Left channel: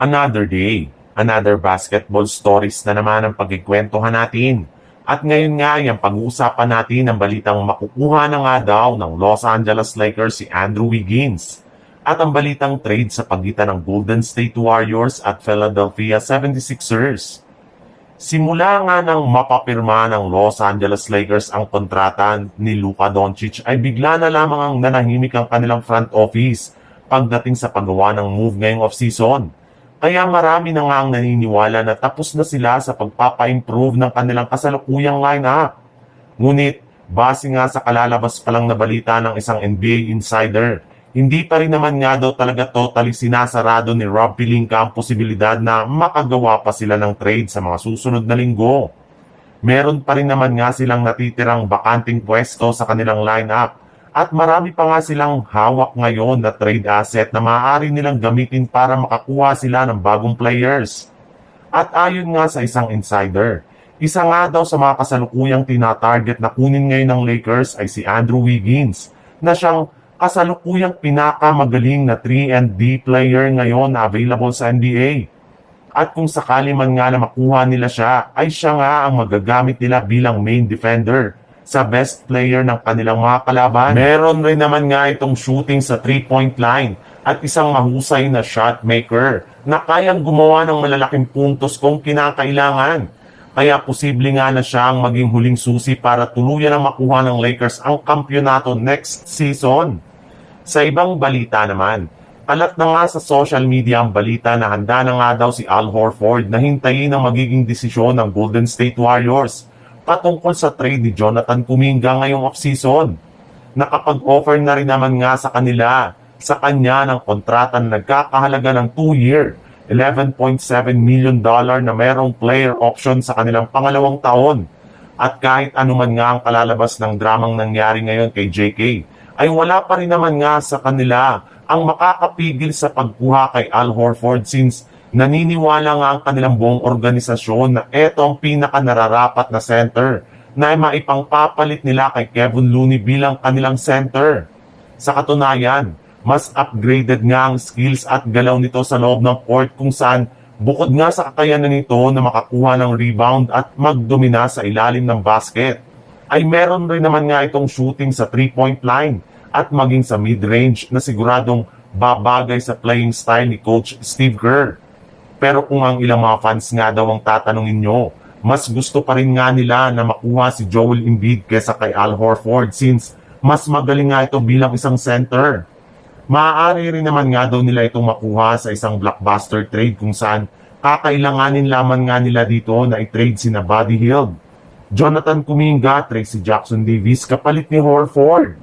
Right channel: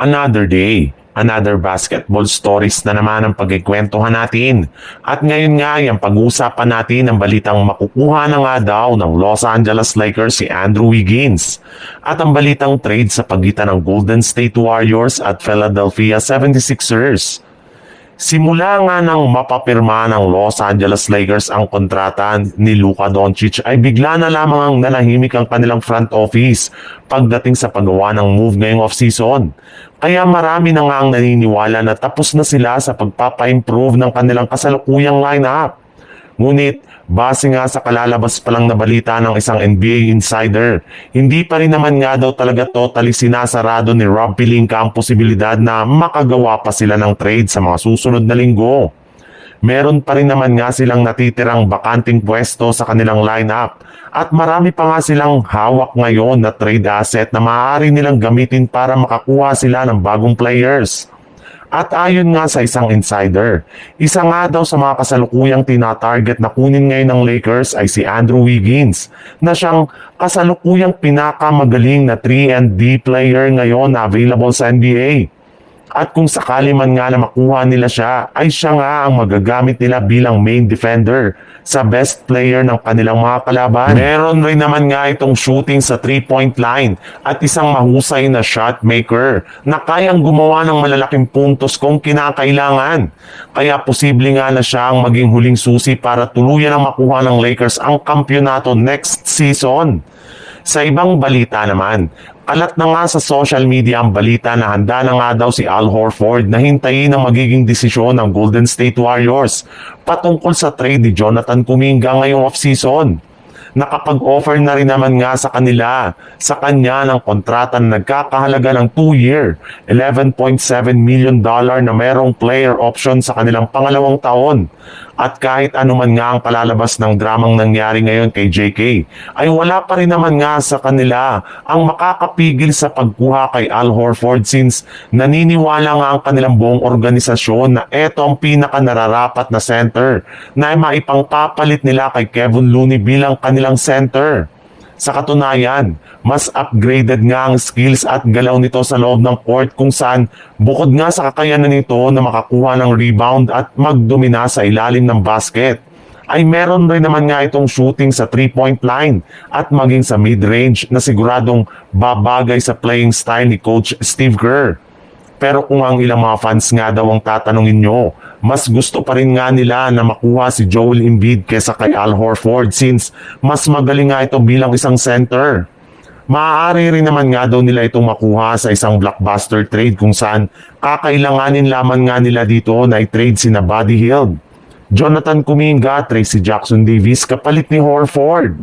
Another day, another basketball stories na naman ang pagkikwentuhan natin. At ngayon nga, yung pag-uusapan natin ang balitang makukuha na nga daw ng Los Angeles Lakers si Andrew Wiggins. At ang balitang trade sa pagitan ng Golden State Warriors at Philadelphia 76ers. Simula nga nang mapapirma ng Los Angeles Lakers ang kontrata ni Luka Doncic ay bigla na lamang nanahimik ang kanilang front office pagdating sa paggawa ng move ngayong offseason. Kaya marami na nga ang naniniwala na tapos na sila sa pagpapa-improve ng kanilang kasalukuyang lineup. Ngunit, base nga sa kalalabas pa lang na balita ng isang NBA insider, hindi pa rin naman nga daw talaga totally sinasarado ni Rob Pelinka ang posibilidad na makagawa pa sila ng trade sa mga susunod na linggo. Meron pa rin naman nga silang natitirang bakanting pwesto sa kanilang lineup at marami pa nga silang hawak ngayon na trade asset na maaari nilang gamitin para makakuha sila ng bagong players. At ayon nga sa isang insider, isa nga daw sa mga kasalukuyang tinatarget na kunin ngayon ng Lakers ay si Andrew Wiggins, na siyang kasalukuyang pinakamagaling na 3-and-D player ngayon na available sa NBA. At kung sakali man nga na makuha nila siya, ay siya nga ang magagamit nila bilang main defender sa best player ng kanilang mga kalaban. Meron rin naman nga itong shooting sa 3-point line at isang mahusay na shot maker na kayang gumawa ng malalaking puntos kung kinakailangan. Kaya posible nga na siya ang maging huling susi para tuluyan ang makuha ng Lakers ang kampyonato next season. Sa ibang balita naman, kalat na nga sa social media ang balita na handa na nga daw si Al Horford na hintayin ang magiging desisyon ng Golden State Warriors patungkol sa trade ni Jonathan Kuminga ngayong offseason. Nakapag-offer na rin naman nga sa kanya ng kontrata na nagkakahalaga ng 2-year, $11.7 million na mayroong player option sa kanilang pangalawang taon. At kahit anuman nga ang palalabas ng dramang nangyari ngayon kay JK, ay wala pa rin naman nga sa kanila ang makakapigil sa pagkuha kay Al Horford since naniniwala nga ang kanilang buong organisasyon na eto ang pinaka-nararapat na center na maipangpapalit nila kay Kevin Looney bilang kanilang center. Sa katunayan, mas upgraded nga ang skills at galaw nito sa loob ng court kung saan bukod nga sa kakayanan nito na makakuha ng rebound at magdomina sa ilalim ng basket, ay meron rin naman nga itong shooting sa 3-point line at maging sa mid-range na siguradong babagay sa playing style ni Coach Steve Kerr. Pero kung ang ilang mga fans nga daw ang tatanungin nyo, mas gusto pa rin nga nila na makuha si Joel Embiid kesa kay Al Horford since mas magaling nga ito bilang isang center. Maaari rin naman nga daw nila itong makuha sa isang blockbuster trade kung saan kakailanganin lamang nga nila dito na i-trade sina Buddy Hield, Jonathan Kuminga, Tracy Jackson Davis kapalit ni Horford.